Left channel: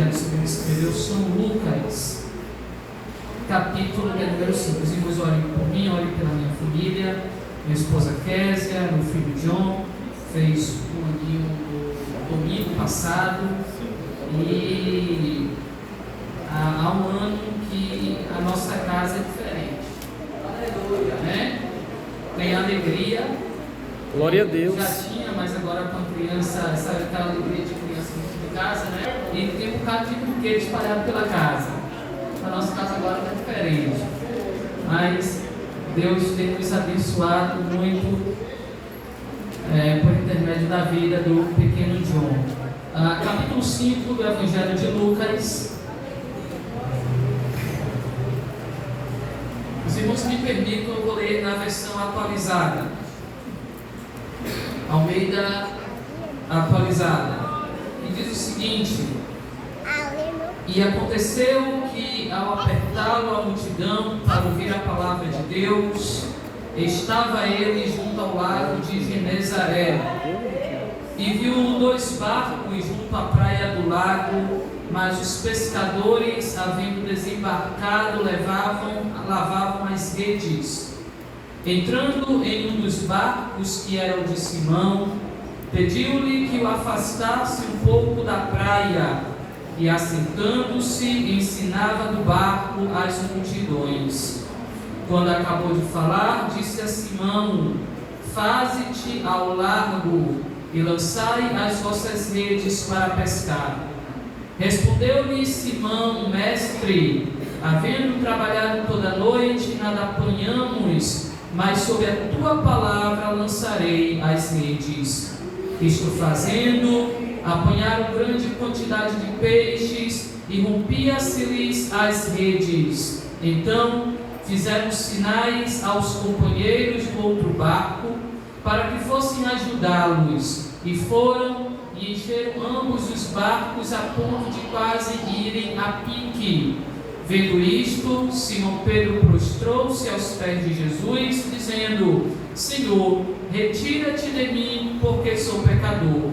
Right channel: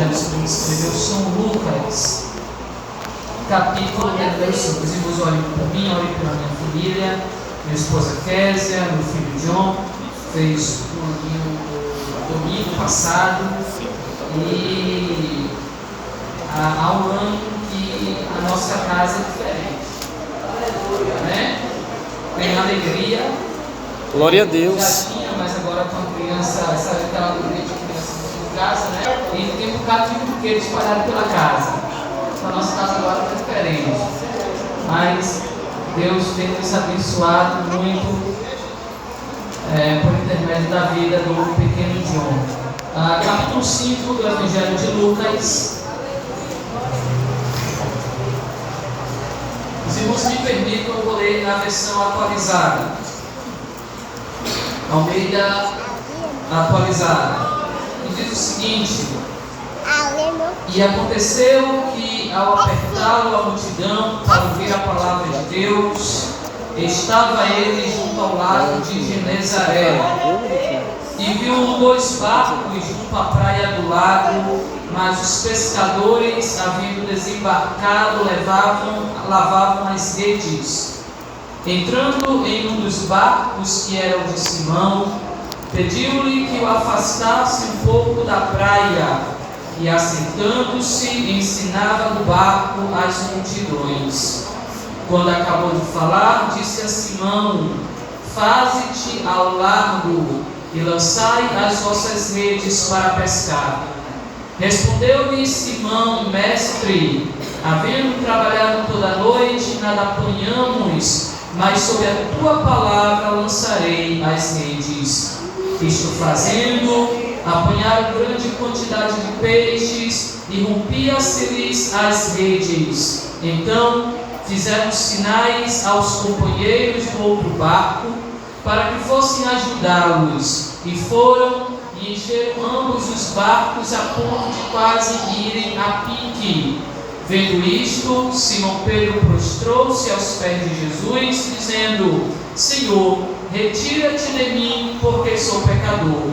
Evangelho segundo escreveu São Lucas, capítulo 5. Os irmãos olhem por mim, olhem pela minha família, minha esposa Késia, meu filho John, fez um aninho domingo passado, e há um ano que a nossa casa é diferente. Aleluia, né? Tem alegria. Glória a Deus. Já tinha, mas agora com a criança, sabe aquela alegria de criança em casa, né? E tem um bocado de brinquedo espalhado pela casa. A nossa casa agora é diferente. Mas Deus tem nos abençoado muito por intermédio da vida do pequeno John. Capítulo 5 do Evangelho de Lucas. Os irmãos me permitam, eu vou ler na versão atualizada. Almeida atualizada. E diz o seguinte: e aconteceu que, ao apertá-lo a multidão para ouvir a palavra de Deus, estava ele junto ao lago de Genezaré, e viu 2 barcos junto à praia do lago, mas os pescadores, havendo desembarcado, lavavam as redes. Entrando em um dos barcos, que era o de Simão, pediu-lhe que o afastasse um pouco da praia, e assentando-se, ensinava no barco as multidões. Quando acabou de falar, disse a Simão: faze-te ao largo e lançai as vossas redes para pescar. Respondeu-lhe Simão: mestre, havendo trabalhado toda a noite, nada apanhamos, mas sob a tua palavra lançarei as redes. Isto fazendo, apanharam grande quantidade de peixes, e rompia-se-lhes as redes. Então fizeram sinais aos companheiros do outro barco, para que fossem ajudá-los, e foram e encheram ambos os barcos a ponto de quase irem a pique. Vendo isto, Simão Pedro prostrou-se aos pés de Jesus, dizendo: Senhor, retira-te de mim, porque sou pecador.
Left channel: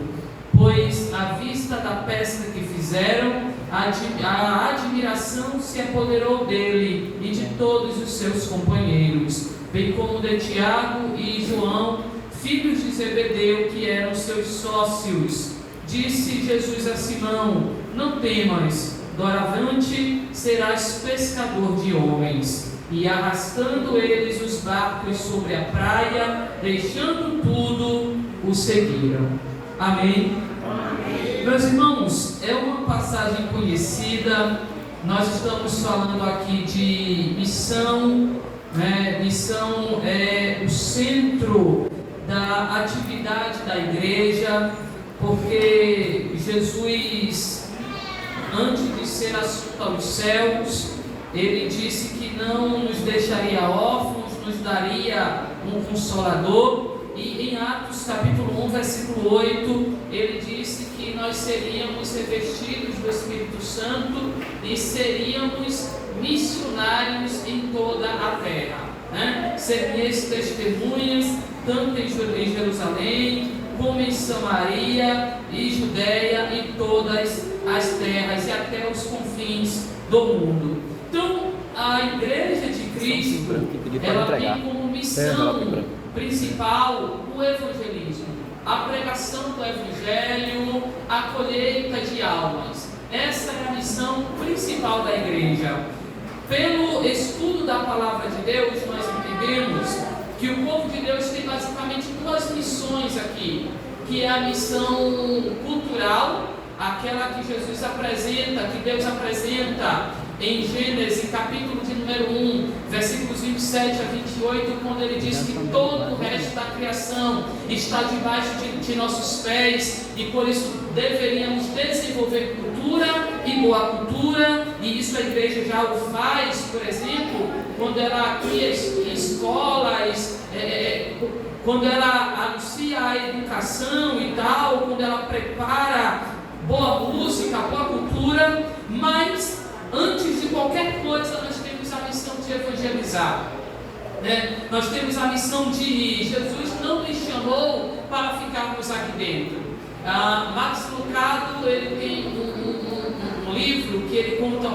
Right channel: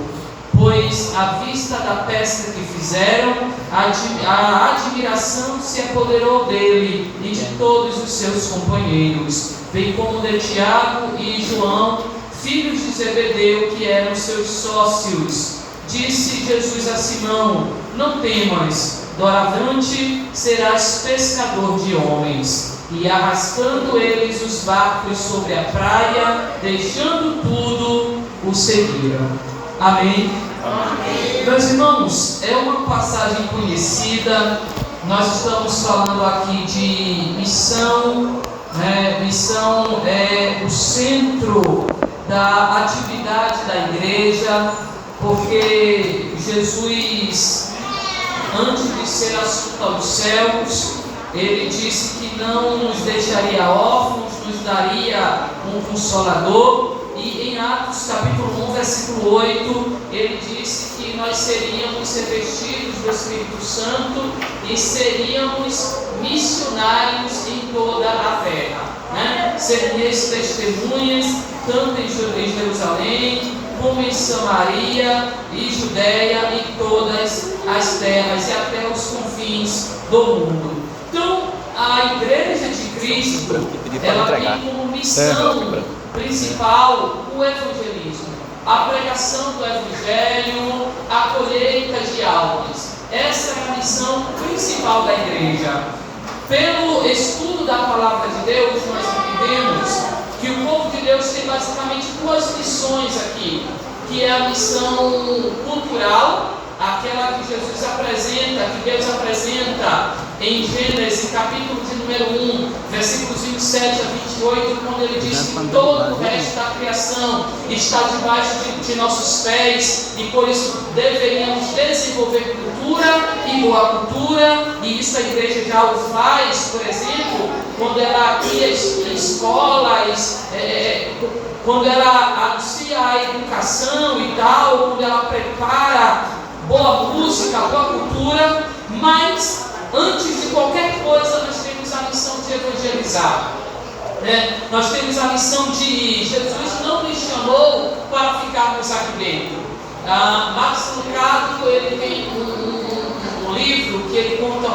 Pois, à vista da pesca que fizeram, a admiração se apoderou dele e de todos os seus companheiros, bem como de Tiago e João, filhos de Zebedeu, que eram seus sócios. Disse Jesus a Simão: não temas, doravante serás pescador de homens. E arrastando eles os barcos sobre a praia, deixando tudo, o seguiram. Amém? Amém. Meus irmãos, é uma passagem conhecida. Nós estamos falando aqui de missão, né? Missão é o centro da atividade da igreja, porque Jesus, antes de ser assunto aos céus, ele disse que não nos deixaria órfãos, nos daria um consolador. E em Atos capítulo 1, versículo 8, ele disse que nós seríamos revestidos do Espírito Santo e seríamos missionários em toda a terra, né? Seríamos testemunhas tanto em Jerusalém como em Samaria e Judéia e todas as terras e até os confins do mundo. Então, a Igreja de Cristo, ela tem como missão principal o evangelismo, a pregação do evangelho, a colheita de almas. Essa é a missão principal da igreja. Pelo estudo da palavra de Deus, nós entendemos que o povo de Deus tem basicamente 2 missões aqui, que é a missão cultural, aquela que Jesus apresenta, que Deus apresenta em Gênesis, capítulo de número 1, versículos 27 a 28, quando ele diz que todo o resto da criação está debaixo de nossos pés, e por isso deveríamos desenvolver cultura e boa cultura, e isso a igreja já o faz, por exemplo, quando ela cria escolas, quando ela anuncia a educação e tal, quando ela prepara boa música, boa cultura. Mas antes de qualquer coisa, nós temos a missão de evangelizar, né? Nós temos a missão de Jesus não nos chamou para ficarmos aqui dentro. Max Lucado, ele tem um livro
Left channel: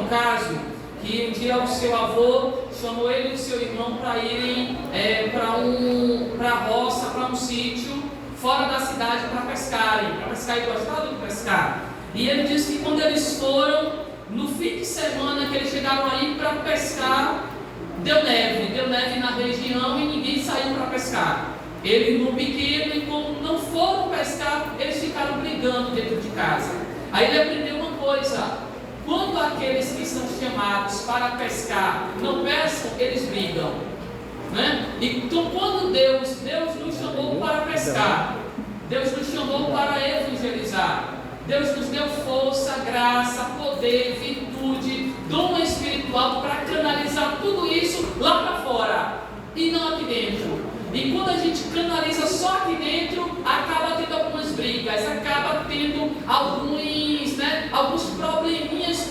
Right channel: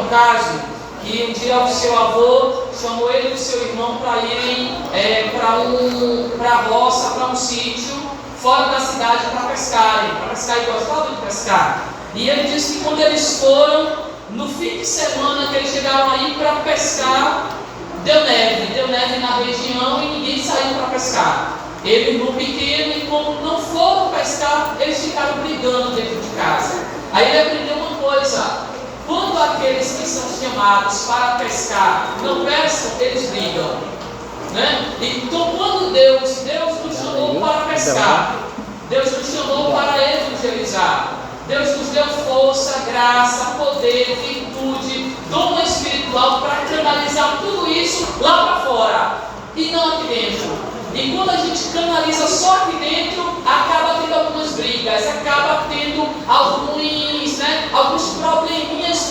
um caso que um dia o seu avô chamou ele e o seu irmão para irem para a roça, para um sítio fora da cidade para pescarem. Para pescar, e gostavam de pescar. E ele disse que quando eles foram, no fim de semana que eles chegaram aí para pescar, deu neve na região e ninguém saiu para pescar. Ele, irmão pequeno, e como não foram pescar, eles ficaram brigando dentro de casa. Aí ele aprendeu uma coisa: quando aqueles que são chamados para pescar não pescam, eles brigam, né? Então, quando Deus nos chamou para pescar, Deus nos chamou para evangelizar, Deus nos deu força, graça, poder, virtude, dom espiritual para canalizar tudo isso lá para fora e não aqui dentro. E quando a gente canaliza só aqui dentro, acaba tendo algumas brigas, acaba tendo alguns probleminhas,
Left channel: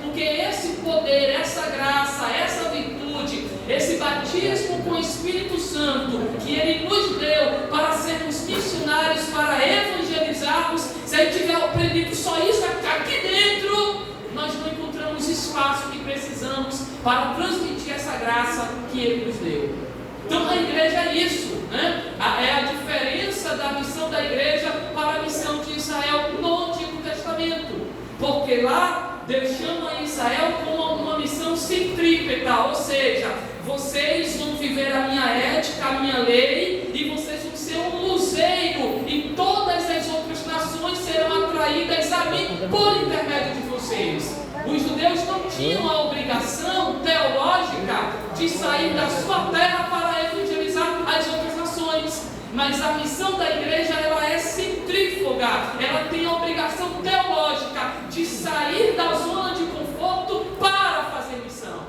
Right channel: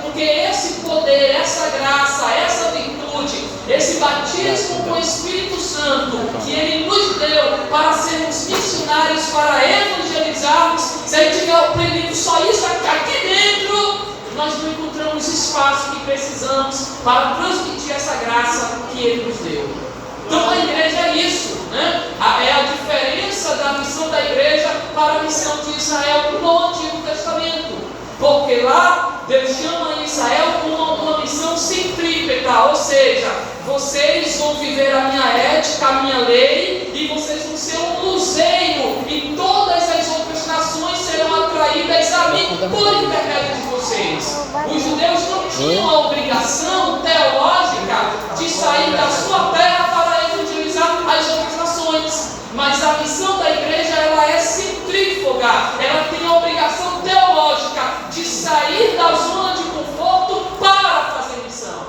porque esse poder, essa graça, essa virtude, esse batismo com o Espírito Santo que Ele nos deu para sermos missionários, para evangelizarmos, se a gente tiver aprendido só isso aqui dentro, nós não encontramos espaço que precisamos para transmitir essa graça que Ele nos deu. Então a igreja é isso, né? É a diferença da missão da igreja para a missão de Israel no Antigo Testamento. Porque lá Deus chama Israel com uma missão centrípeta, ou seja, vocês vão viver a minha ética, a minha lei, e vocês vão ser um luzeiro, e todas as outras nações serão atraídas a mim por intermédio de vocês. Os judeus não tinham a obrigação teológica de sair da sua terra para evangelizar as outras nações, mas a missão da igreja ela é centrífuga, ela tem a obrigação teológica de sair da zona de conforto para fazer missão.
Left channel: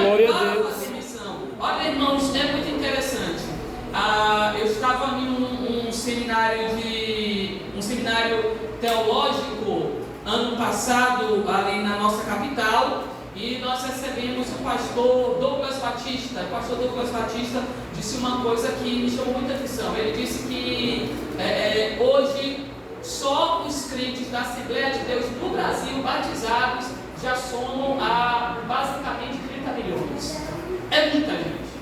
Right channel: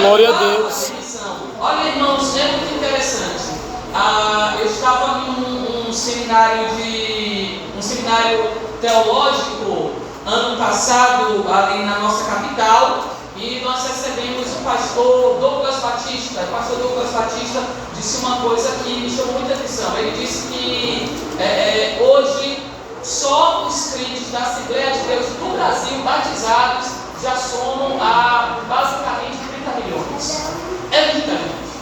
Glória a Deus. Olha, irmãos, é muito interessante. Eu estava em um seminário teológico ano passado ali na nossa capital, e nós recebemos o pastor Douglas Batista. O pastor Douglas Batista disse uma coisa que me chamou muita atenção. Ele disse que hoje só os crentes da Assembleia de Deus do Brasil batizados já somam basicamente 30 milhões. É muita gente.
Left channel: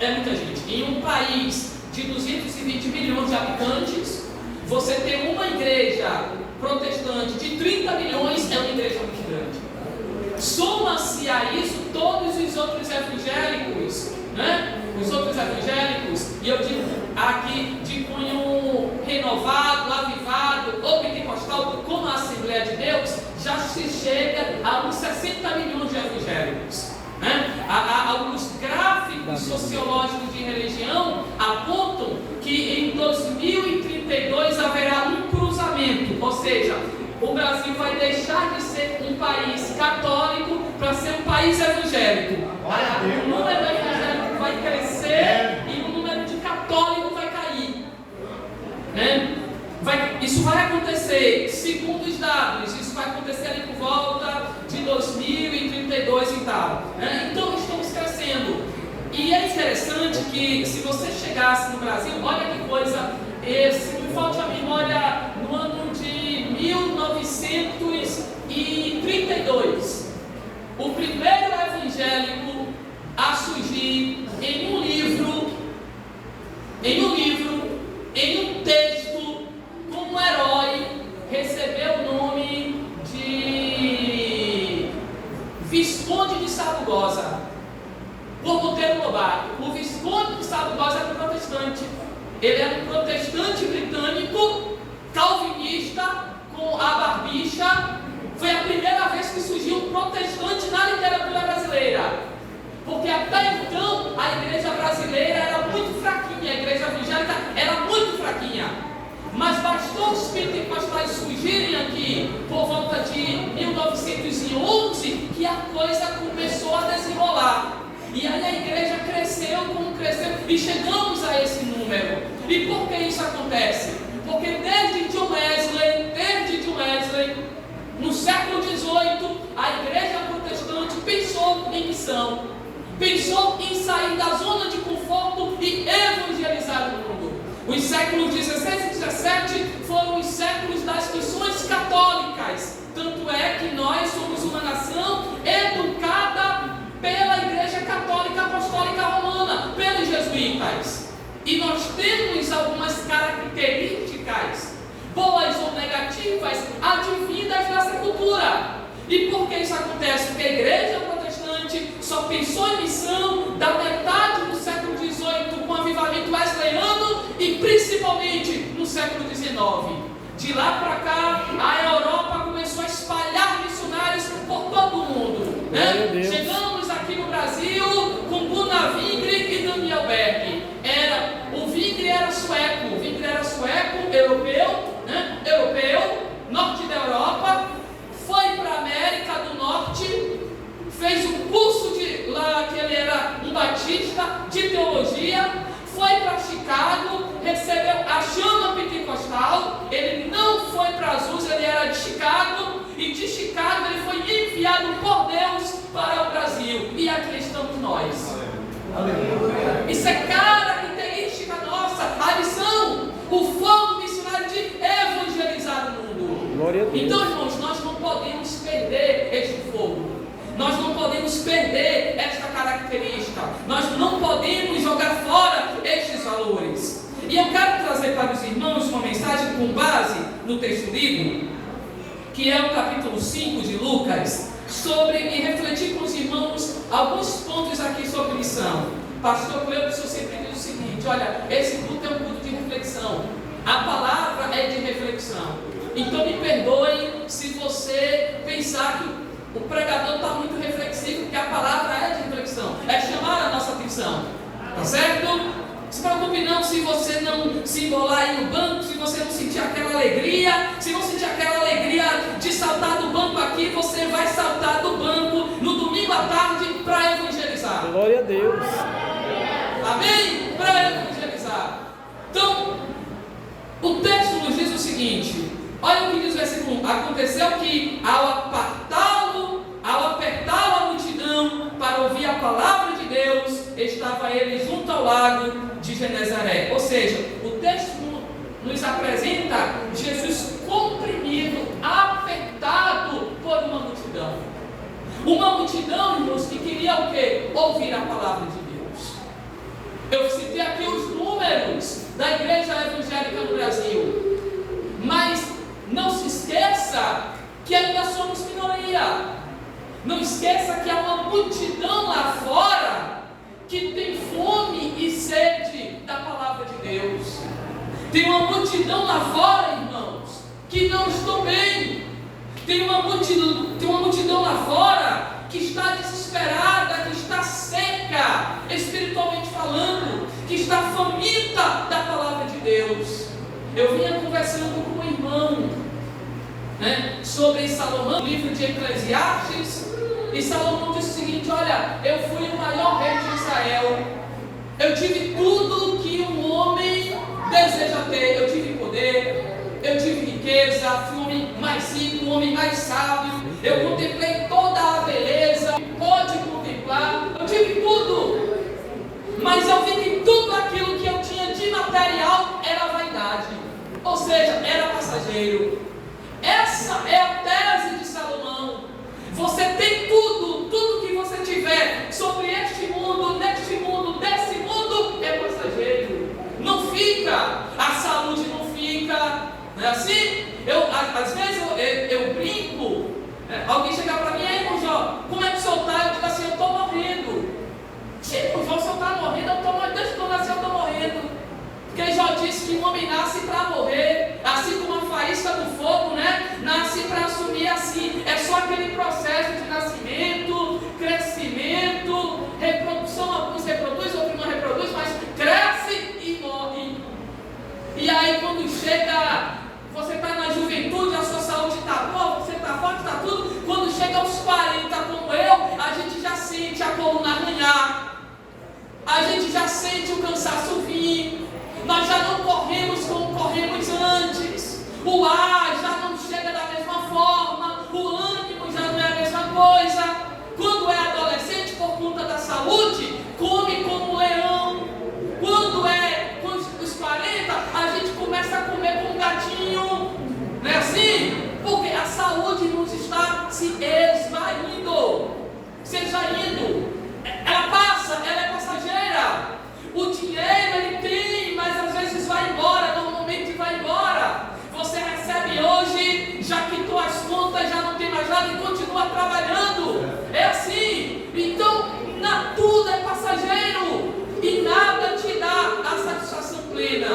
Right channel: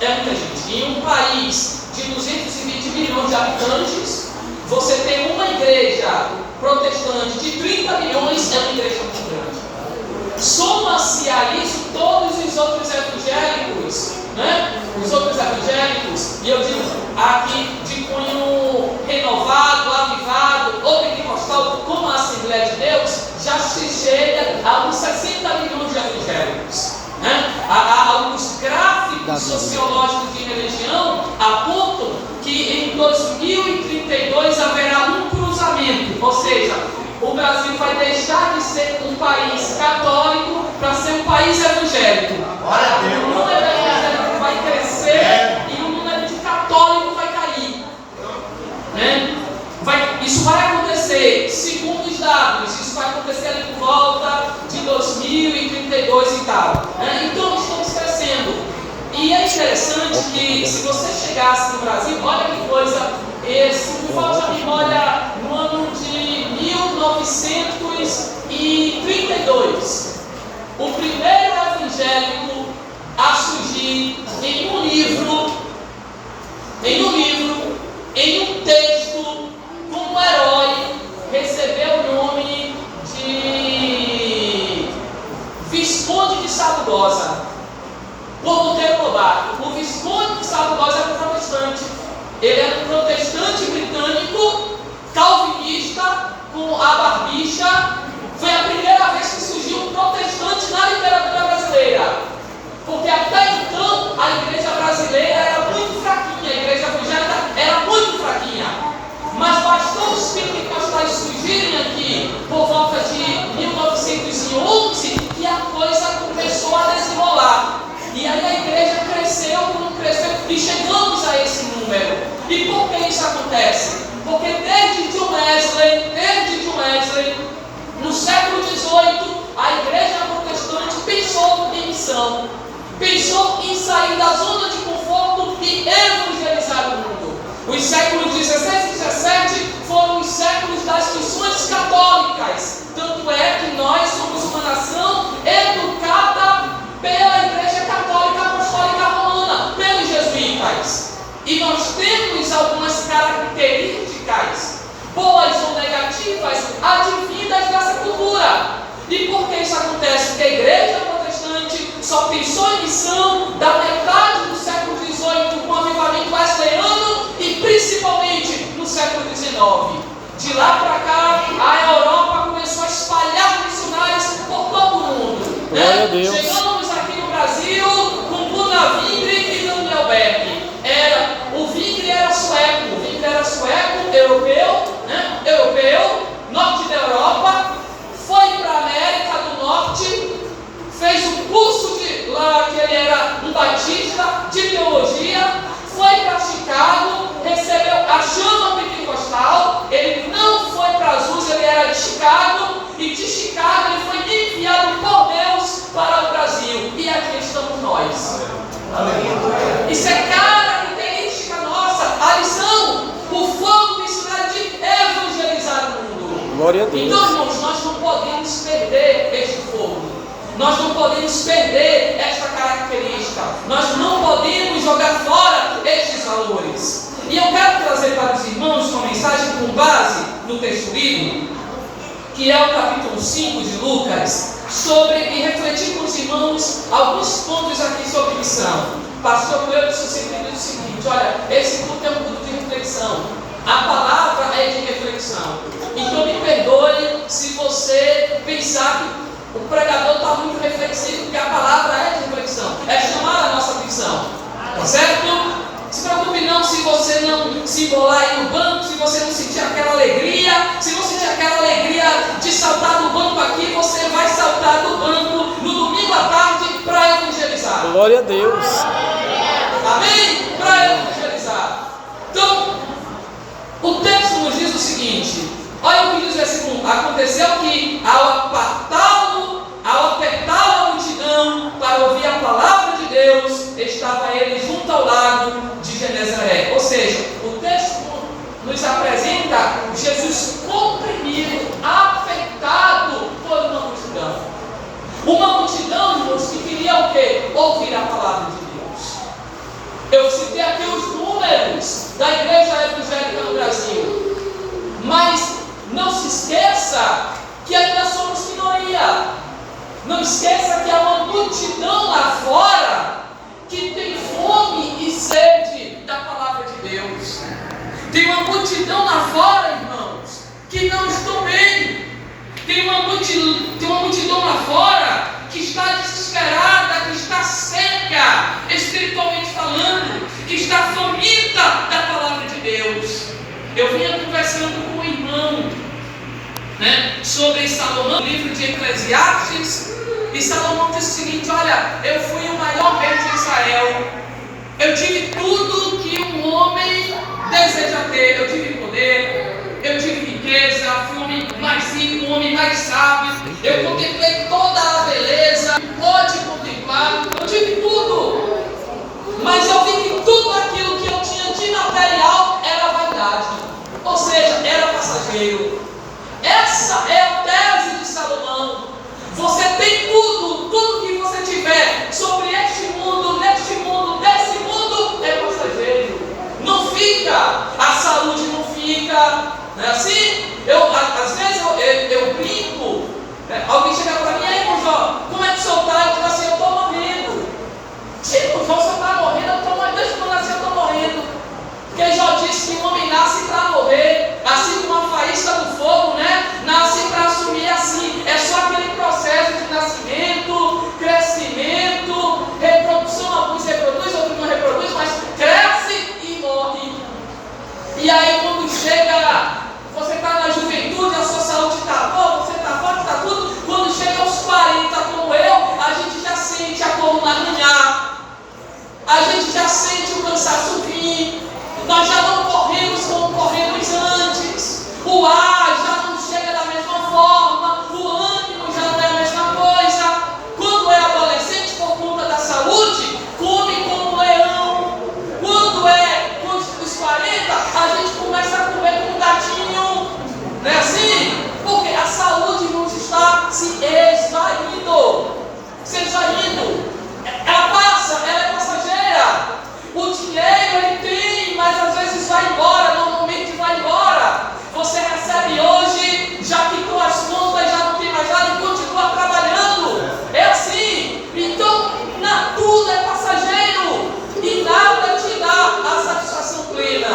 É muita gente. Em um país de 220 milhões de habitantes, você tem uma igreja protestante de 30 milhões, é uma igreja muito grande. Soma-se a isso todos os outros evangélicos, né? Os outros evangélicos, e eu digo aqui de cunho renovado, avivado, ou pentecostal, como a Assembleia de Deus, já se chega a uns 60 milhões de evangélicos, né? Alguns gráficos sociológicos de religião apontam que em 2032 haverá um cruzamento, ou seja, o Brasil vai deixar de ser um país católico para ser um país evangélico. O número evangélico vai crescer e o número de católico vai cair, né? Isso vai acontecer, segundo os dados, isso vai acontecer ali por volta de 2032 e tal, né? Então nós estamos crescendo. E é interessante que, se você chegasse no Brasil, olha que coisa, se me falta a memória, no ano de 1932, o primeiro evangélico a surgir em um livro, em um texto, como herói, recebeu o nome de Visconde de Sabugosa, por Monteiro Lobato. O Visconde de Sabugosa era um protestante. Ele era um protestante britânico, calvinista, com a barbicha. Foi a primeira vez que surgiu um protestante na literatura brasileira. Porque até então a igreja brasileira era muito fraquinha, a igreja evangélica era muito fraquinha. Mas bastou os pentecostais surgirem aqui por volta de 1911 que a coisa começou a desenrolar. E aí a igreja cresceu, e chegamos a esse número. E por que isso acontece? Porque desde John Wesley, no século XVIII, a igreja protestante pensou em missão, pensou em sair da zona de conforto e evangelizar o mundo. Os séculos XVI e XVII foram os séculos das missões católicas. Tanto é que nós Isso é característica nossa. A lição, o fogo misturado de evangelizar o mundo. Glória a Deus. Então, irmãos, nós não podemos perder este fogo. Nós não podemos perder esta característica. Nós não podemos jogar fora estes valores. E eu quero trazer para os irmãos uma mensagem com base no texto lido, que é o capítulo 5 de Lucas, e refletir com os irmãos alguns pontos aqui sobre missão. Pastor Cleber sempre diz o seguinte: olha, esse culto é um culto de reflexão. A palavra é de reflexão. Então me perdoe se você pensar que o pregador está muito reflexivo, porque a palavra é de reflexão, é chamar a nossa atenção. Tá certo? Se preocupe não se você não se embolar aí no banco, se você não sentir aquela alegria. Se não sentir aquela alegria de saltar do banco aqui, você vai saltar do banco no domingo à tarde para evangelizar. Glória a Deus. Amém? Para evangelizar. Então, o texto nos diz o seguinte: olha o que diz o versículo 1. Aconteceu que ao apertá-lo a multidão para ouvir a palavra de Deus, estava ele junto ao lago de Genezaré. Ou seja, o texto nos apresenta Jesus comprimido, apertado por uma multidão. Uma multidão, irmãos, que queria o quê? Ouvir a palavra de Deus. Eu citei aqui os números da igreja evangélica no Brasil. Mas não se esqueça que ainda somos minoria. Não esqueça que há uma multidão lá fora que tem fome e sede da palavra de Deus. Tem uma multidão lá fora, irmãos, que não estão bem. Tem uma multidão lá fora que está desesperada, que está seca, espiritualmente falando, que está faminta da palavra de Deus. Eu vinha conversando com um irmão, sobre Salomão, no livro de Eclesiastes, e Salomão disse o seguinte: olha, eu fui o maior rei de Israel, eu tive tudo que um homem deseja ter, eu tive poder, eu tive riqueza, fui o homem mais rico, o homem mais sábio, eu contemplei toda a beleza, pode contemplar, eu tive tudo, mas eu vi que tudo aquilo que eu tinha de material era vaidade, ou seja, era passageiro. Essa é a tese de Salomão. Você tem tudo que você tiver sobre este mundo, neste mundo, desse mundo, é passageiro. Não fica, a saúde não fica, não é assim? Às vezes eu brinco, alguém chega para mim: aí, Jó, como é que o senhor está? Eu digo assim: eu estou morrendo. Tipo, Jó, o senhor está morrendo? Eu estou morrendo, desde que eu nasci eu estou morrendo. Porque Jó disse que o homem nasce para morrer, assim como a faísca do fogo, nasce para assumir assim. É só aquele processo de nascimento, crescimento, reprodução. Alguns reproduzem, outros não reproduzem, mas cresce e morre. E aí quando chega, você está na juventude, a sua saúde está boa, você está forte, está tudo. Quando chega aos 40 como eu, a gente já sente a coluna arranhar, a gente já sente o cansaço vir. Nós já não corremos como corremos antes. O ar já não chega da mesma forma. O ânimo já não é a mesma coisa. Quando é adolescente, por conta da saúde, come como um leão. Quando é dos 40, a gente começa a comer como um gatinho. Não é assim? Porque a saúde nos está se esvaindo. Ela passa, ela é passageira. O dinheiro ele tem, mas às vezes vai embora, normalmente vai embora. Você recebe hoje, já quitou as contas, já não tem mais nada e continua trabalhando. É assim. Então, tudo é passageiro e nada te dá a satisfação plena.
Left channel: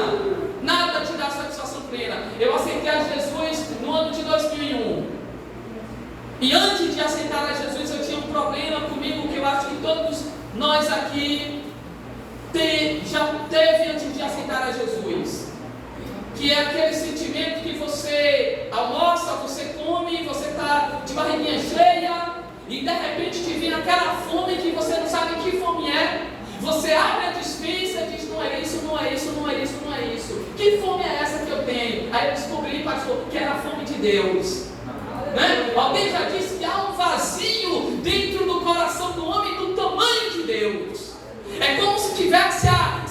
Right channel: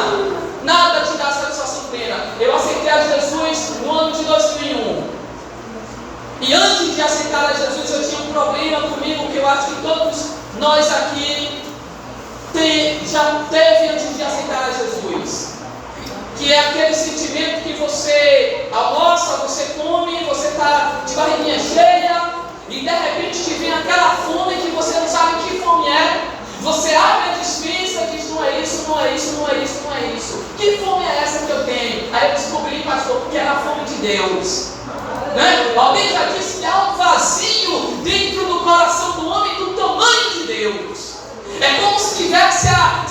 Nada te dá a satisfação plena. Eu aceitei a Jesus no ano de 2001. E antes de aceitar a Jesus, eu tinha um problema comigo que eu acho que todos nós aqui já teve antes de aceitar a Jesus, que é aquele sentimento que você almoça, você come, você está de barriguinha cheia e de repente te vem aquela fome que você não sabe que fome é. Você abre a despensa e diz: não é isso, não é isso, não é isso, não é isso. Que fome é essa que eu tenho? Aí eu descobri, pastor, que era a fome de Deus. Alguém já disse que há um vazio dentro do coração do homem do tamanho de Deus. É como se tivesse a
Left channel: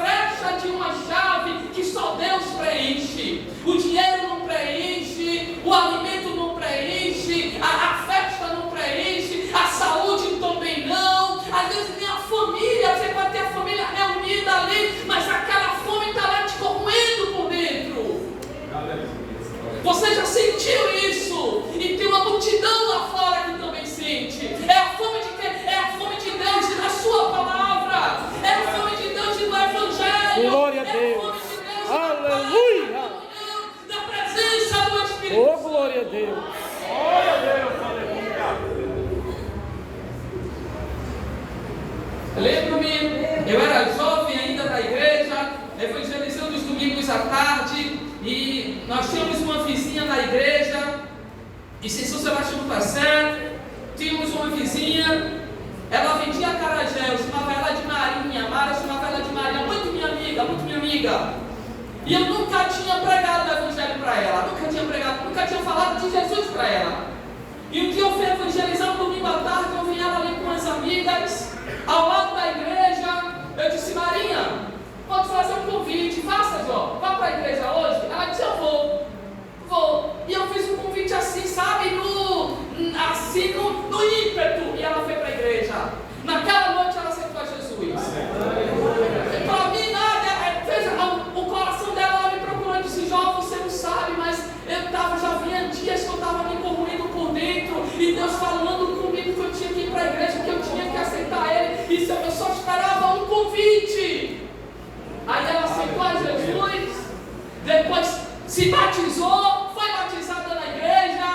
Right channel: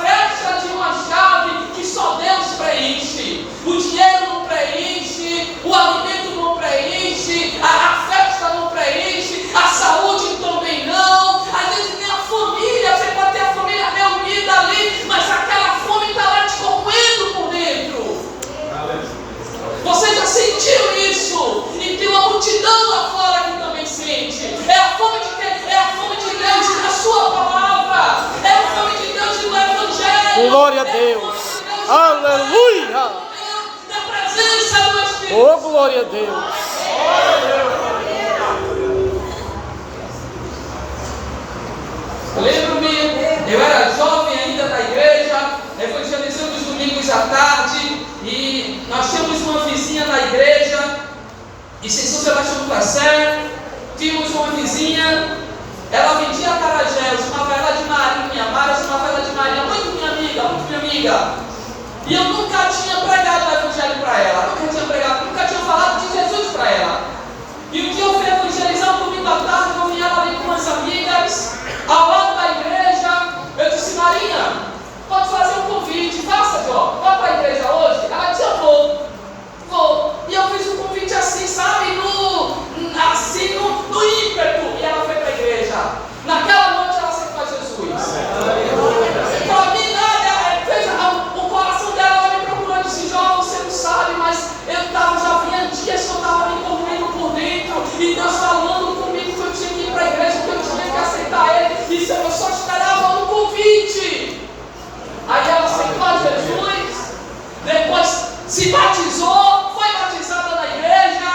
frecha de uma chave que só Deus preenche. O dinheiro não preenche, o alimento não preenche, a festa não preenche, a saúde também não. Às vezes nem a família, você pode ter a família reunida ali, mas aquela fome está lá te corroendo por dentro. Você já sentiu isso? E tem uma multidão lá fora que também sente. É a fome de quê? É a fome de Deus e da sua palavra. É a fome de Deus e do Evangelho. Glória a Deus. Aleluia. Da presença do Espírito. Oh, glória a Deus. Lembro-me, eu era jovem ainda da igreja, evangelizando os domingos à tarde, e nós tínhamos uma vizinha na igreja, e sem São Sebastião do Passé, tínhamos uma vizinha, ela vendia acarajé, eu chamava ela de Marinha, Mara chamava ela de Maria, muito minha amiga, e eu nunca tinha pregado o evangelho para ela, nunca tinha falado de Jesus para ela, e um dia eu fui evangelizar um domingo à tarde, eu vi ela ali com umas amigas, ao lado da igreja. Eu disse: Marinha, pode fazer um convite, faça, Jó, vá para a igreja hoje? Ela disse: eu vou. E eu fiz um convite assim, sabe, no ímpeto, e ela foi para a igreja. Naquela noite ela aceitou a Jesus. Para mim nada, veja, o coração dela, ela me procurou e disse: Jó, você não sabe, mas já vinha dias que eu estava me correndo por dentro, e Deus falando comigo que eu tinha que ir para a igreja, que eu tinha que aceitar Ele, e eu só esperava um convite. Aí ela aceitou a Jesus, depois se batizou, foi batizada na igreja,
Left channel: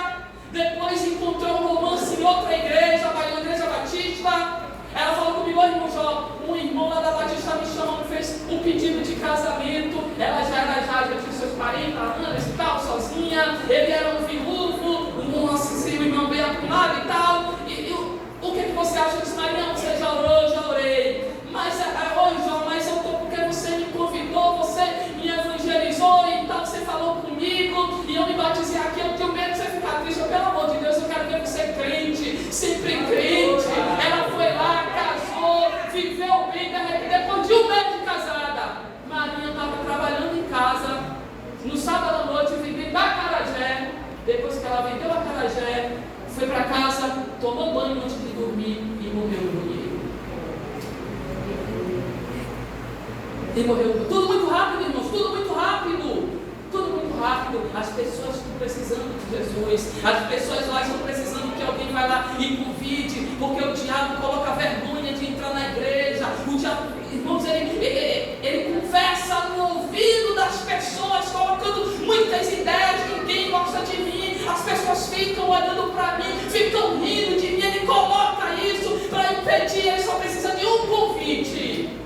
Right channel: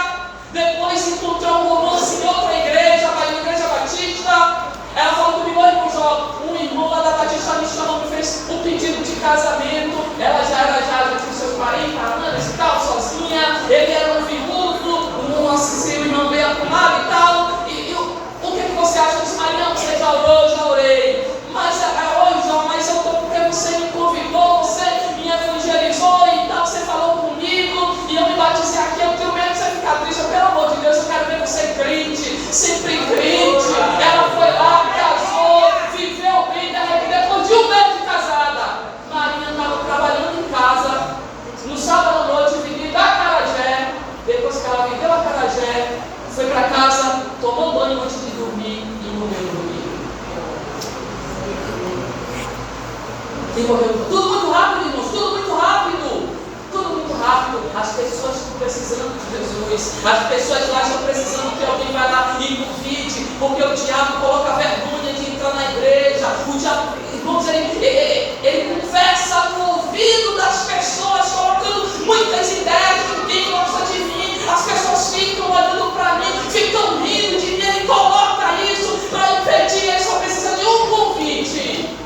depois encontrou um romance em outra igreja, na igreja batista. Ela falou comigo: irmão Jó, um irmão lá da Batista me chamou, me fez o pedido de casamento. Ela já tinha seus parentes, estava sozinha, ele era um viúvo, seu irmão veio acumulado e tal. E o que você acha? Eu disse: Maria, você já orou? Já orei. Mas hoje, Jó, mas eu estou porque você me convidou, você me evangelizou e tal, você falou comigo, e eu me batizei aqui, eu tenho medo de você ficar triste. Pelo amor de Deus, eu quero ver você crente, sempre crente. Ela foi lá, casou, viveu bem, depois de um mês de casada, Maria estava trabalhando em casa, no sábado à noite, vendendo acarajé. Depois que ela vendeu acarajé, foi para casa, tomou banho antes de dormir e morreu no rio. E morreu. Tudo muito rápido, irmãos, tudo muito rápido. Tudo muito rápido. As pessoas estão precisando de Jesus. As pessoas lá estão precisando que alguém vá lá e convide, porque o diabo coloca vergonha de entrar na igreja. O diabo, irmãos, ele conversa no ouvido das pessoas, colocando muitas ideias. Ninguém gosta de mim. As pessoas ficam olhando para mim, ficam rindo de mim. Ele coloca isso para impedir. Ele só precisa de um convite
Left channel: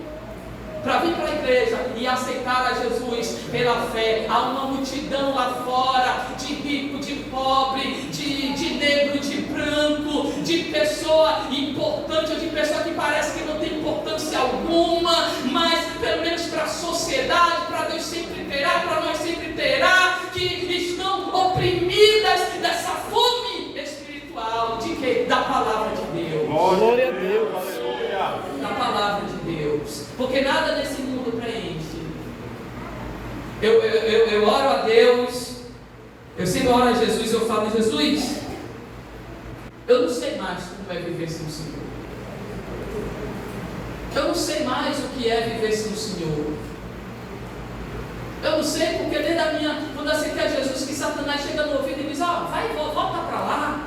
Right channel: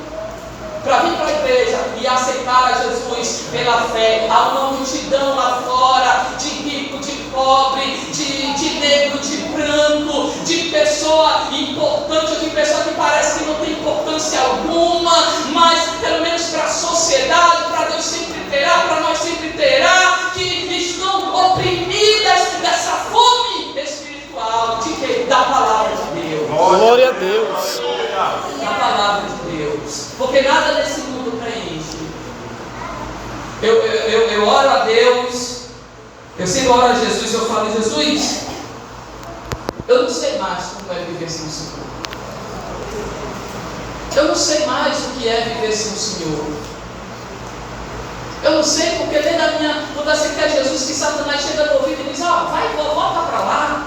para vir para a igreja e aceitar a Jesus pela fé. Há uma multidão lá fora, de rico, de pobre, de negro, de branco, de pessoa importante ou de pessoa que parece que não tem importância alguma, mas pelo menos para a sociedade, para Deus sempre terá, para nós sempre terá, que estão oprimidas dessa fome espiritual da palavra de Deus. Glória a Deus. Da palavra de Deus. Porque nada nesse mundo preenche. Eu oro a Deus, eu sempre oro a Jesus e eu falo: Jesus, eu não sei mais como é viver sem o Senhor. Eu não sei mais o que é viver sem o Senhor. Eu não sei, porque desde a minha, quando eu aceitei a Jesus, que Satanás chega no ouvido e diz: vai, volta para lá.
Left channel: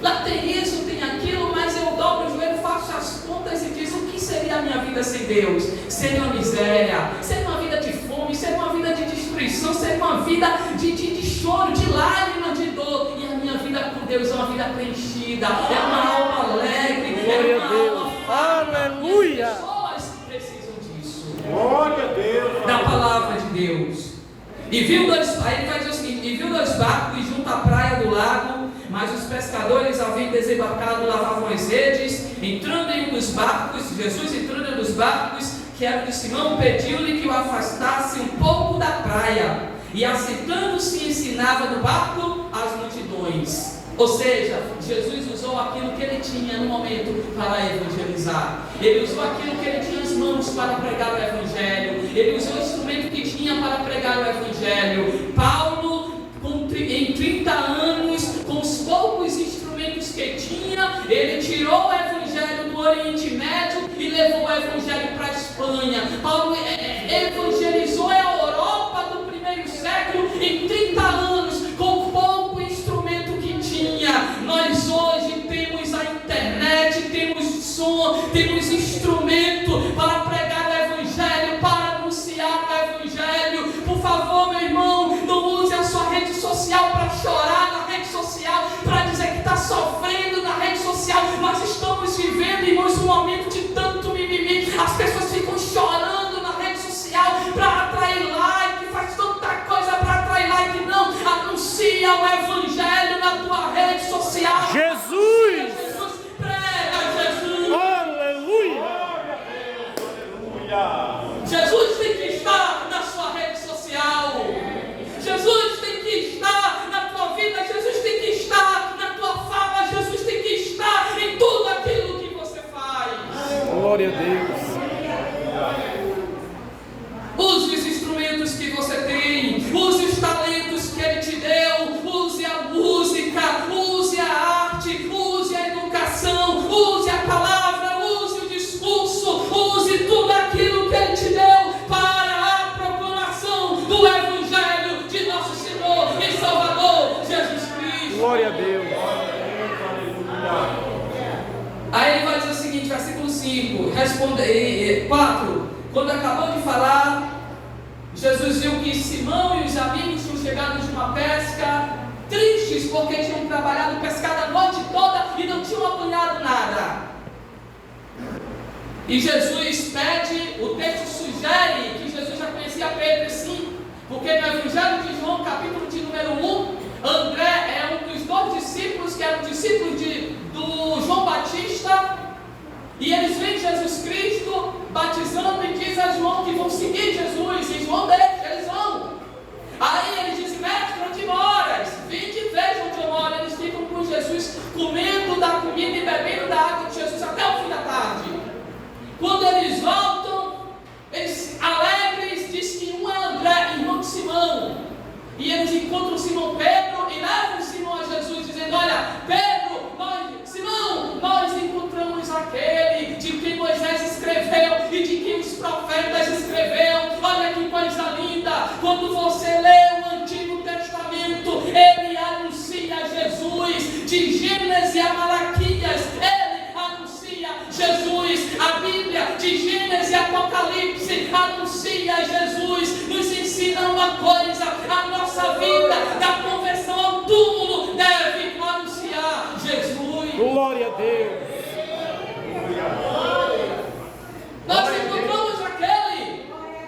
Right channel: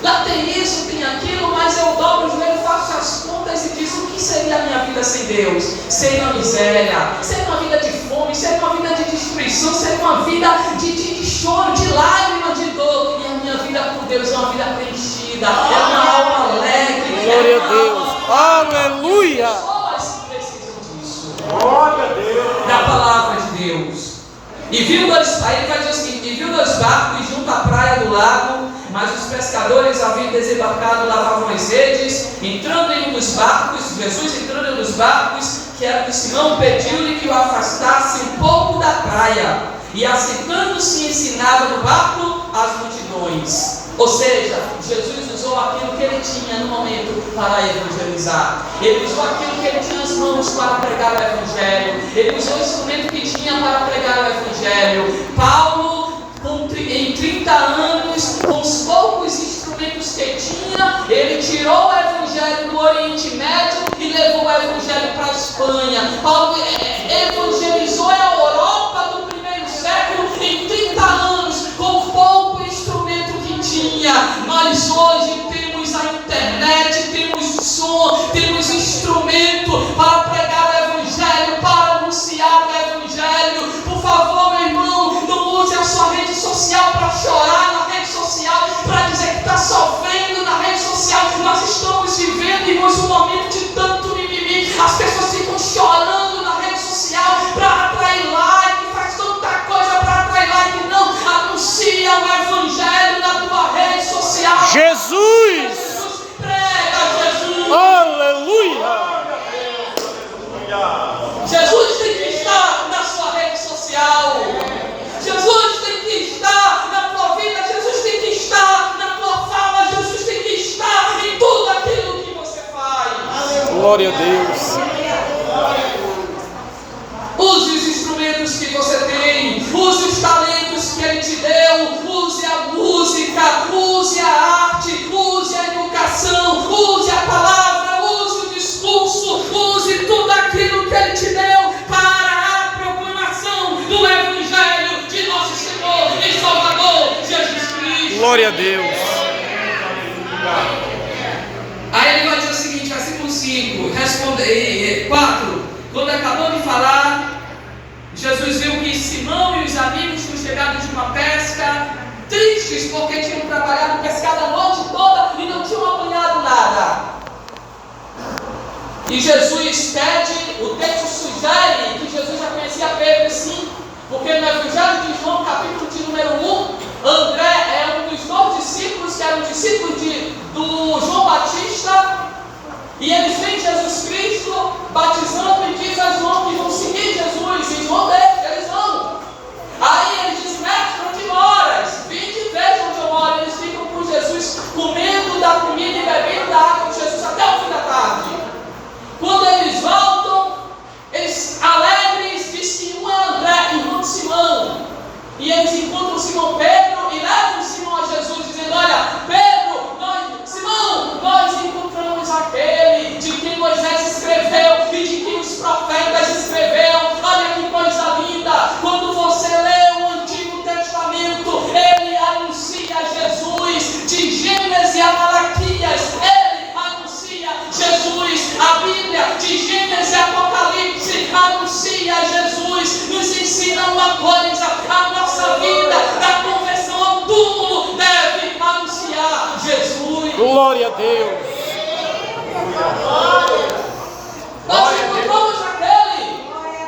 Lá tem isso, tem aquilo, mas eu dobro os joelhos, faço as contas e diz: o que seria a minha vida sem Deus? Seria uma miséria, seria uma vida de fome, seria uma vida de destruição, seria uma vida de choro, de lágrimas, de dor. E a minha vida por Deus é uma vida preenchida, é uma alma alegre. Glória a Deus. Aleluia. Pessoas precisam disso. Glória a Deus. Da palavra de Deus. E viu dois, aí ele vai dizer o seguinte: e viu dois barcos junto à praia do lago, mas os pescadores haviam desembarcado e lavavam as redes. Entrando em um dos barcos, Jesus entrando em um dos barcos, que era de Simão, pediu-lhe que o afastasse um pouco da praia, e assentando-se ensinava no barco as multidões. Ou seja, Jesus usou usou aquilo que ele tinha no momento para evangelizar. Ele usou aquilo que ele tinha nas mãos para pregar o Evangelho. Ele usou o instrumento que tinha para pregar o Evangelho. Paulo, em 30 anos, com os poucos instrumentos que tinha, ele tirou o Evangelho do Oriente Médio e levou o Evangelho para a Espanha. Paulo evangelizou a Europa do primeiro século em 30 anos, com o pouco instrumento que tinha. Nós hoje temos a internet, temos som, temos instrumento para pregar o Evangelho, para anunciar o Evangelho. Por favor, meu irmão, não use a sua rede social para chorar na rede social, para dizer que está sofrendo na rede social. Nós estamos vivendo, irmãos, um momento de tanto mimimi. As pessoas ficam chorando na rede social para atrair like, faz tanta coisa para atrair like. Não, anuncia o Evangelho na tua rede social. Jesus! Prega Jesus! Aleluia! Jesus tem que estar na sua rede social. Jesus tem que estar na tua vida. Jesus tem que estar na tua fala. Jesus tem que estar em tudo aquilo que você faz. Glória a Deus! Use os instrumentos que você tem. Use os talentos que Ele te deu. Use a música. Use a arte. Use a educação. Use a palavra. Use o discurso. Use tudo aquilo que Ele te deu para a proclamação do Evangelho de nosso Senhor e Salvador Jesus Cristo. Glória a Deus! Aí ele vai dizer o seguinte, versículo 5, 4. Quando acabou de falar, Jesus viu que Simão e os amigos tinham chegado de uma pesca, tristes porque tinham trabalhado, pescado a noite toda e não tinham apanhado nada. E Jesus pede, o texto sugere que Jesus já conhecia Pedro, sim, porque no Evangelho de João, capítulo de número 1, André é um dos 2 discípulos que eram discípulos do João Batista, e eles veem Jesus Cristo batizando e diz a João que vão seguir Jesus, e João deixa, eles vão. Aí eles dizem, mestre, onde moras? Vinde e veja onde eu moro. Eles ficam com Jesus, comendo da comida e bebendo da água de Jesus até o fim da tarde. Quando eles voltam, eles alegres, diz que um é André, irmão de Simão. E eles encontram Simão Pedro e levam Simão a Jesus, dizendo, olha, Pedro, nós encontramos aquele de quem Moisés escreveu e de quem os profetas escreveram. Olha que coisa linda, quando você lê o Antigo Testamento, ele anuncia Jesus, de Gênesis a Malaquias, ele anuncia Jesus. A Bíblia, de Gênesis a Apocalipse, anuncia Jesus, nos ensina uma coisa, a nossa vida da conversão ao túmulo deve anunciar Jesus. Glória a Deus! Nós encontramos aquele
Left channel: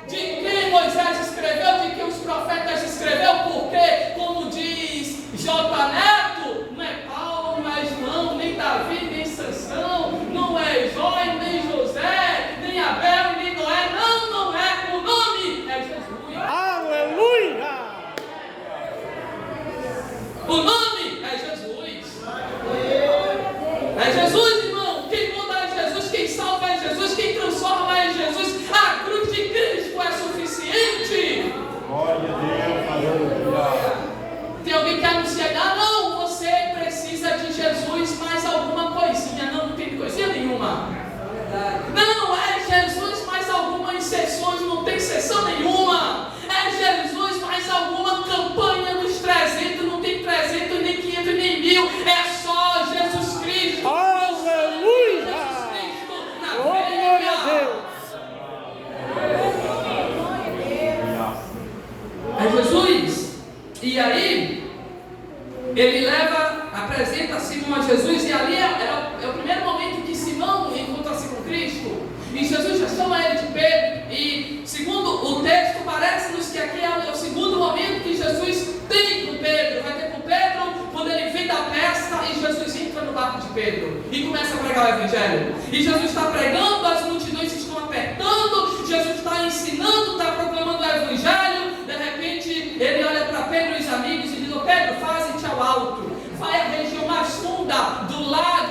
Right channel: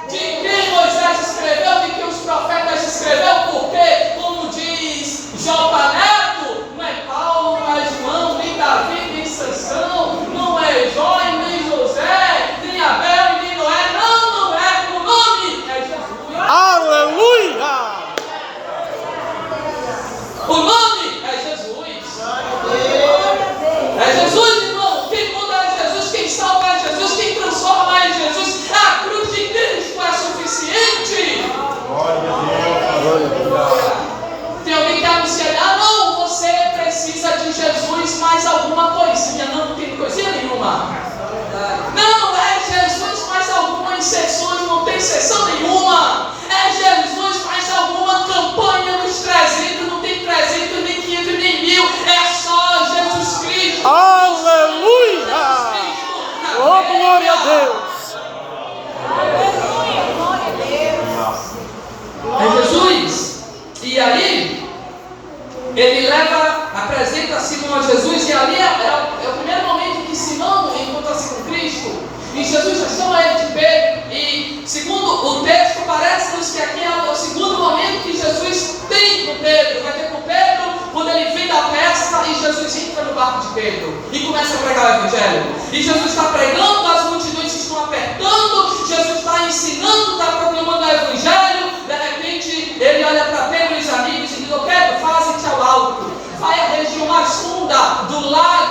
de quem Moisés escreveu, de que os profetas escreveram, porque, como diz J. Neto, não é Paulo, não é João, nem Davi, nem Sansão, não é Jó, nem José, nem Abel e nem Noé, não é, o nome é Jesus. Aleluia! O nome é Jesus. É Jesus, irmão. Quem muda é Jesus, quem salva é Jesus, quem transforma é Jesus. A cruz de Cristo é suficiente. Tem alguém que anuncia, não, você precisa de Jesus mais alguma coisinha. Não tem coisinha nenhuma. Não, é Jesus mais alguma inserção, não tem inserção nenhuma. É Jesus mais alguma campanha dos 300, não tem 300, nem 500, nem 1000. É só Jesus Cristo. Aleluia! Oh, glória a Deus! É Jesus. E aí, ele apresenta Simão a Jesus, e ali é o primeiro momento que Simão encontra-se com Cristo, e Jesus já chama ele de Pedro, e segundo o texto, parece-nos que aqui é o segundo momento que Jesus tem com Pedro, vai ter com Pedro, quando ele vem da pesca, e Jesus entra no barco de Pedro, e começa a pregar o Evangelho, e Jesus está pregando, as multidões estão apertando, Jesus está ensinando, está proclamando o Evangelho. De repente ele olha para Pedro e os amigos e diz, Pedro, faze-te ao alto, vai à região mais funda do lago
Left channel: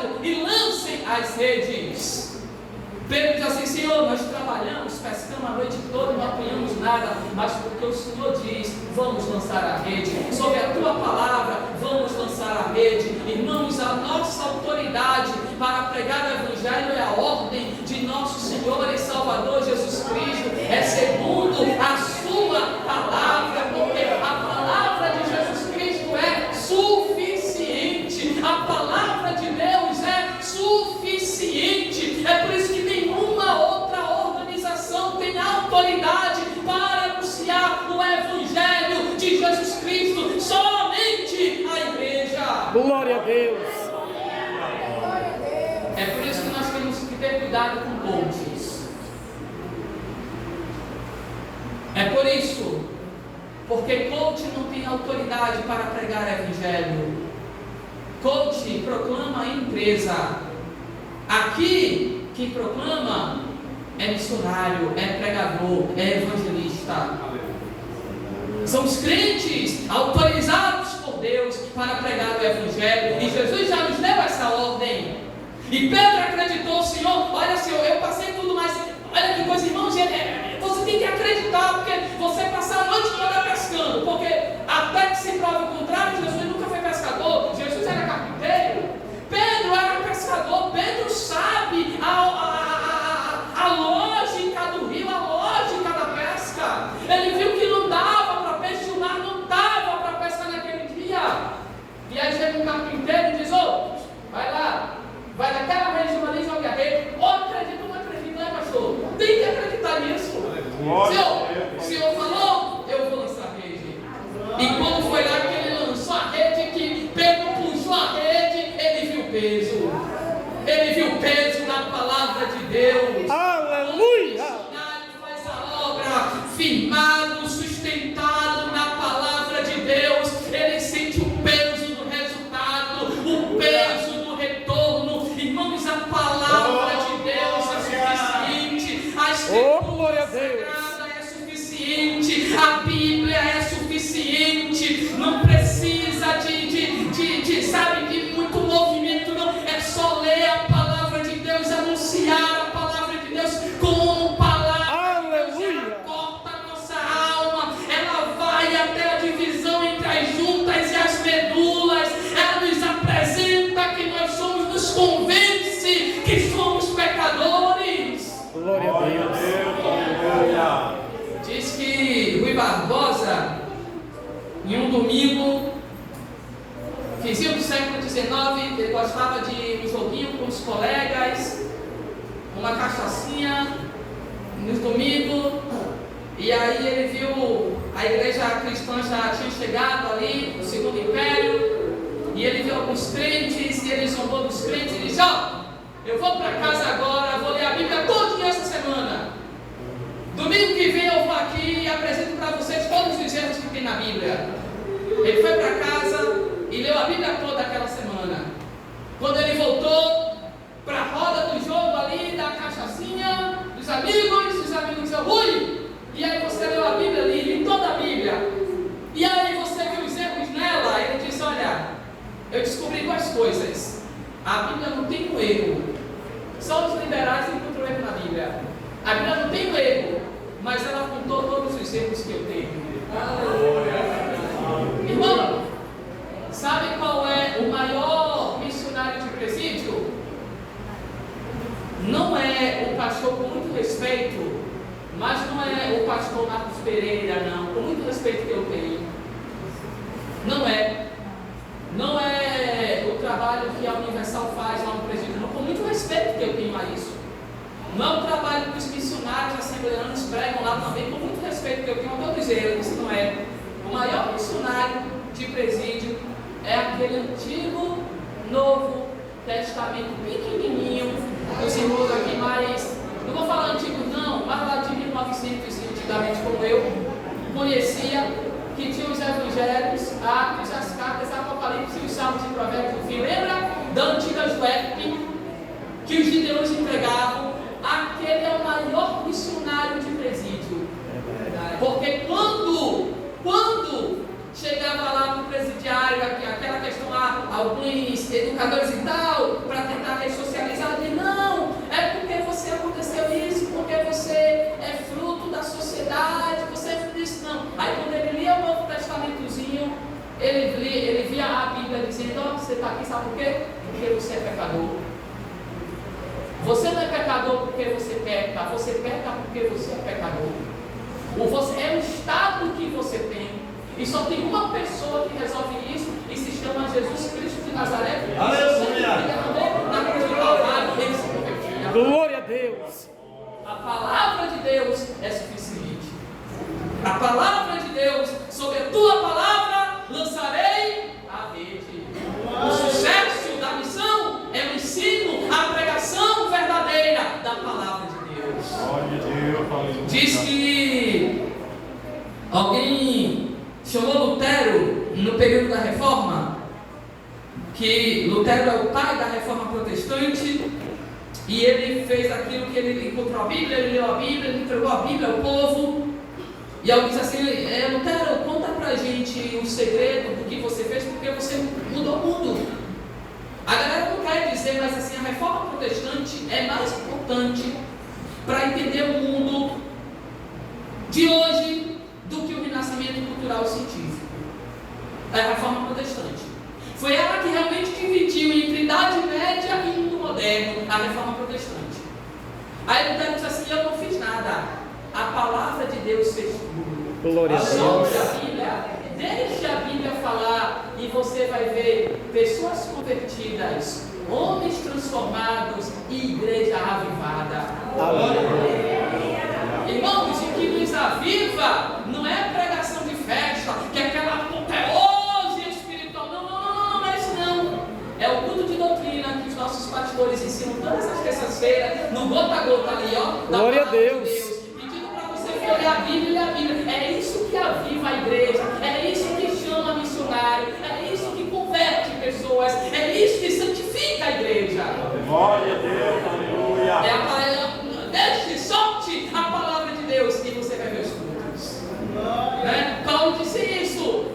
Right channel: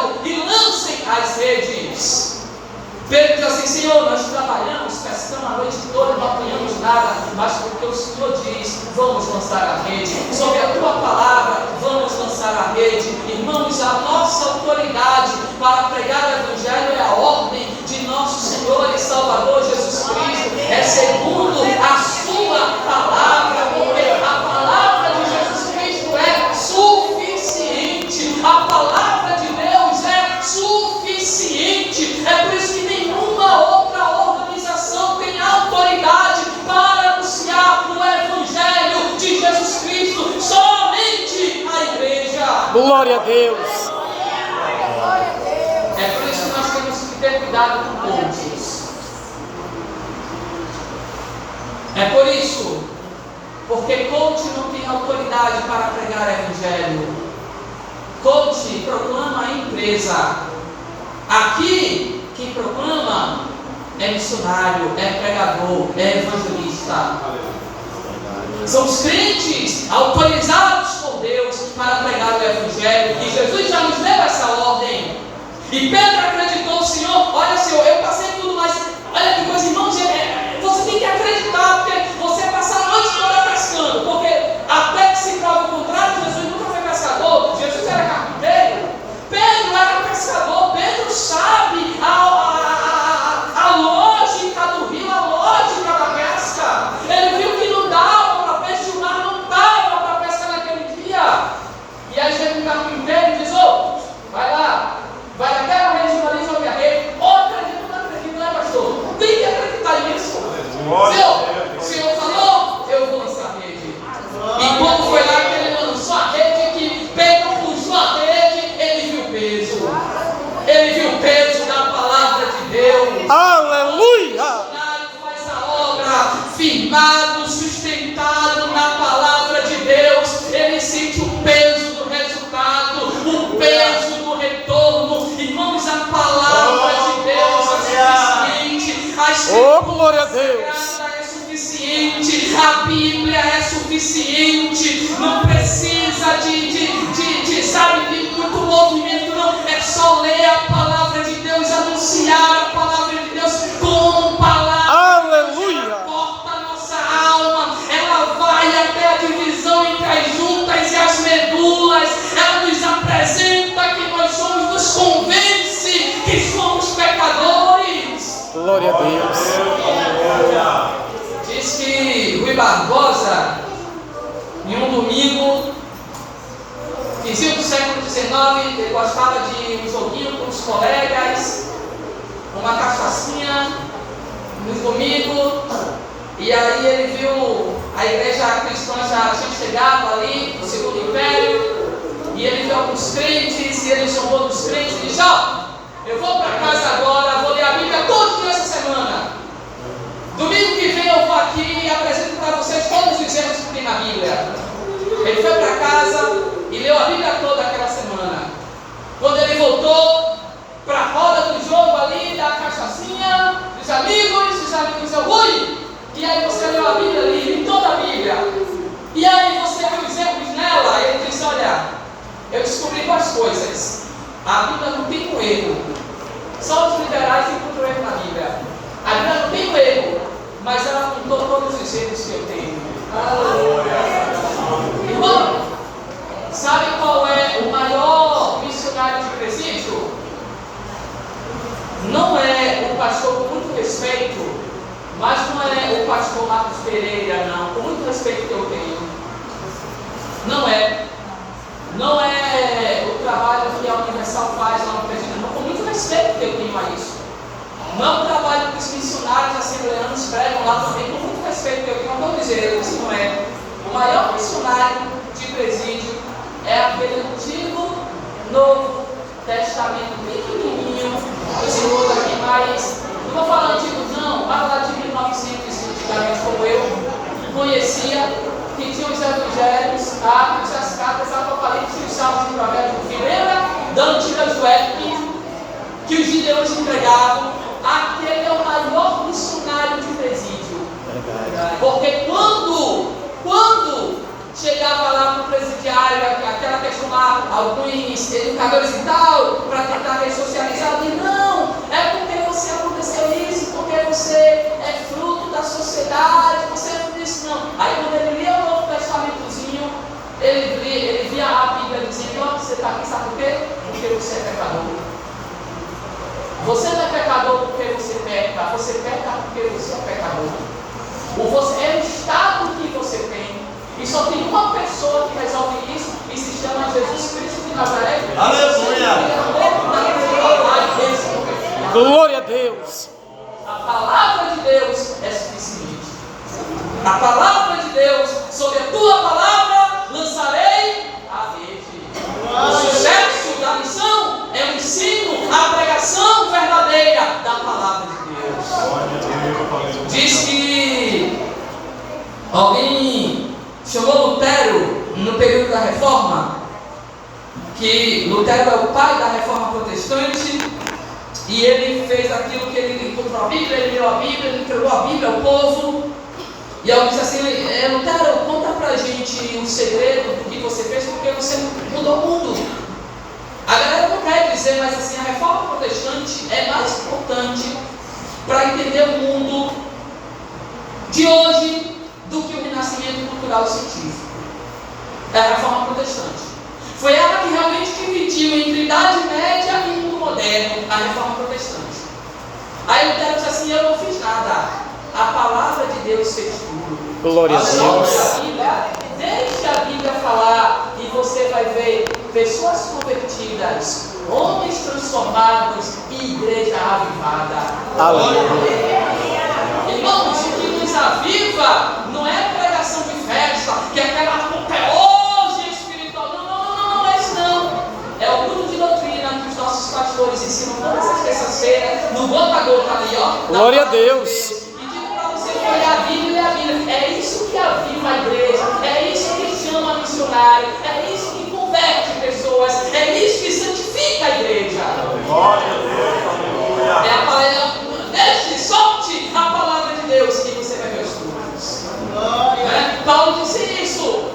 Senhor, nós trabalhamos, pescamos a noite toda, não apanhamos nada, mas porque o Senhor diz, vamos lançar a rede. Sobre a tua palavra, vamos lançar a rede. Irmãos, a nossa autoridade para pregar o Evangelho é a ordem de nosso Senhor e Salvador Jesus Cristo. É segundo a sua palavra, porque a palavra de Jesus Cristo é suficiente. A palavra de Deus é suficiente. É por isso que nenhuma outra organização tem autoridade para anunciar o Evangelho de Jesus Cristo. Somente a igreja. Glória a Deus. É por isso que nós temos que ter cuidado com coaches. É por isso, porque coach não tem autoridade para pregar o Evangelho. Coach proclama a empresa. Aqui, quem proclama é missionário, é pregador, é evangelista. São os crentes autorizados por Deus para pregar o Evangelho. E Jesus já nos deu essa ordem. E Pedro acreditou, Senhor, olha Senhor, eu passei tudo, mas olha que coisa, irmãos, você tem que acreditar, porque você passar a noite toda pescando, porque até que se prova o contrário, Jesus nunca foi pescador, Jesus era carpinteiro, Pedro era pescador. Pedro sabe a lógica do rio, a lógica da pesca. Ele viu que não dava para peixe, o mar não dava para pescar naquele dia. E aí chega um carpinteiro e diz, vai lá, vai naquela região ali, jogue a rede. Acredita ou não acredita, né, pastor? Tem que acreditar nisso. O Senhor falou, eu vou lançar a rede. E quando foi lá que ele lançou a rede, que Pedro puxou a rede, ele viu o peso. Ele viu o peso da palavra de Deus. Aleluia! Faz a obra, firmado, sustentado na palavra de Deus. Ele sente o peso do resultado, o peso do retorno. Irmãos, a palavra de Deus é suficiente. Oh, glória a Deus! É suficiente, a Bíblia é suficiente. Não precisa sabe, de muito movimento, não. É só ler a palavra de Deus, anunciar a palavra de Deus com palavras. Aleluia! Ela corta a nossa alma, ela vai até a divisão entre as juntas e as medulas. Ela nos apresenta que nós somos, nos convence que somos pecadores. Glória a Deus! Diz que Rui Barbosa, em um domingo, vizinho do século XIX, ele gostava de um joguinho com os colegas, uma cachaçinha, nos domingos, e aí ele viu a igreja cristã já tinha chegado ali, no Segundo Império, e ele viu alguns crentes, e ele chamou dos crentes e disse, eu vou para casa agora, vou ler a Bíblia todos nessa semana. Domingo que vem eu vou aqui e apresento para vocês todos os erros que tem na Bíblia. Ele foi para casa e leu a Bíblia toda aquela semana. Quando ele voltou para a roda do jogo ali, da cachaçinha, dos amigos diziam, ui, e aí você leu a Bíblia ali, li toda a Bíblia. E aí você viu os erros nela, e ele disse, olha, eu descobri duas coisas. A Bíblia não tem um erro. Só os liberais encontram erro na Bíblia. A Bíblia não tem um erro, mas ela apontou todos os erros que eu tenho. Irmão, sabe qual é o maior missionário de presídio? Não é o pastor, com muito respeito, mas não é o pastor Marcos Pereira, não, com muito respeito que eu tenho. Não é o trabalho que a Universal faz lá no presídio, não, com muito respeito que eu tenho a isso. Não é o trabalho que os missionários assembleanos pregam lá também, com muito respeito que eu tenho, não dizer, isso não é. O maior missionário de presídio é aquele Antigo Novo Testamento pequenininho, os irmãos aqui, mas não vou falar antigo não, vai falar de 1900 antigamente, como eu conhecia, que tinha os evangelhos, Atos, as cartas, Apocalipse, os Salmos e Provérbios. Lembra da antiga Joepe, que os gideões entregavam? Aquele é o maior missionário de presídio. Porque quando chegava lá no presidiário, aquela questão lá, alguns educadores e tal, para tentar ressocializar, eu disse, não, é porque você aconteceu isso, dizendo: ó, você está aqui, sabe por quê? Porque você é pecador. Você não é pecador porque você peca porque você é pecador. É o estado que você tem. E só tem uma pessoa que resolve isso e se chama Jesus Cristo de Nazaré. Aleluia! Glória a Deus! A palavra de Deus é suficiente. A palavra de Deus, sobre a tua palavra lançarei a rede. O sucesso da missão é o ensino, a pregação verdadeira da palavra de Deus. Diz que alguém chamou Lutero no período da Reforma, que Lutero é o pai da Reforma Protestante, e ele fez aquilo que ele encontrou a Bíblia, ele leu a Bíblia, ele entregou a Bíblia ao povo. E alguém disse assim: Lutero, conta pra gente o segredo do que você fez, porque você mudou o mundo. A galera não quer dizer, mas assim, a Reforma Protestante é mais importante para entender o mundo de hoje do que o renascimento cultural e científico. É a Reforma Protestante. Foi ela que realmente dividiu entre Idade Média e mundo moderno, a Reforma Protestante. Aí Lutero disse assim: eu não fiz nada. A palavra de Deus fez tudo. Glória a Deus. Deixe a Bíblia falar e você vai ver pessoas convertidas, homens transformados e igreja avivada. Aleluia. Irmãos, o que nos aviva não é a pregação de festa, que é aquela apoteose espiritual. Não é isso não. É o culto de doutrina que os nossos pastores ensinam todas as terças-feiras, no gota a gota ali, ó. Glória a Deus. A Bíblia é a Bíblia. É isso que aviva a igreja, é isso que chama missionário, é isso que converte pessoas, é isso que santifica a igreja. Glória a Deus, deixe, solte a palavra de Deus e você vai ver os frutos. Paulo disse isso.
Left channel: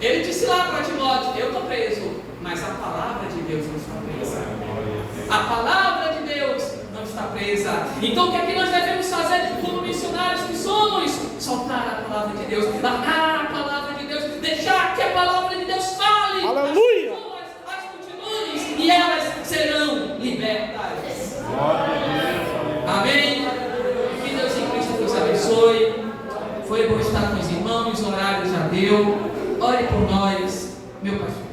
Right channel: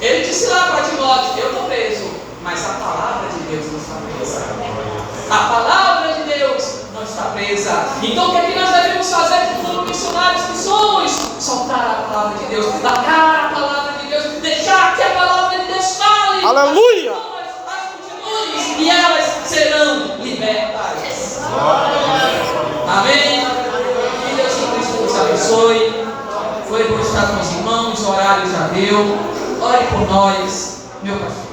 Ele disse lá para Timóteo: eu estou preso, mas a palavra de Deus não está presa. A palavra de Deus não está presa. Então o que é que nós devemos fazer como missionários que somos? Soltar a palavra de Deus, largar a palavra de Deus, deixar que a palavra de Deus fale. Aleluia! As multidões, e elas serão libertas. Amém? Que Deus em Cristo nos abençoe. Foi bom estar com os irmãos, o horário já deu. Ore por nós, meu pastor.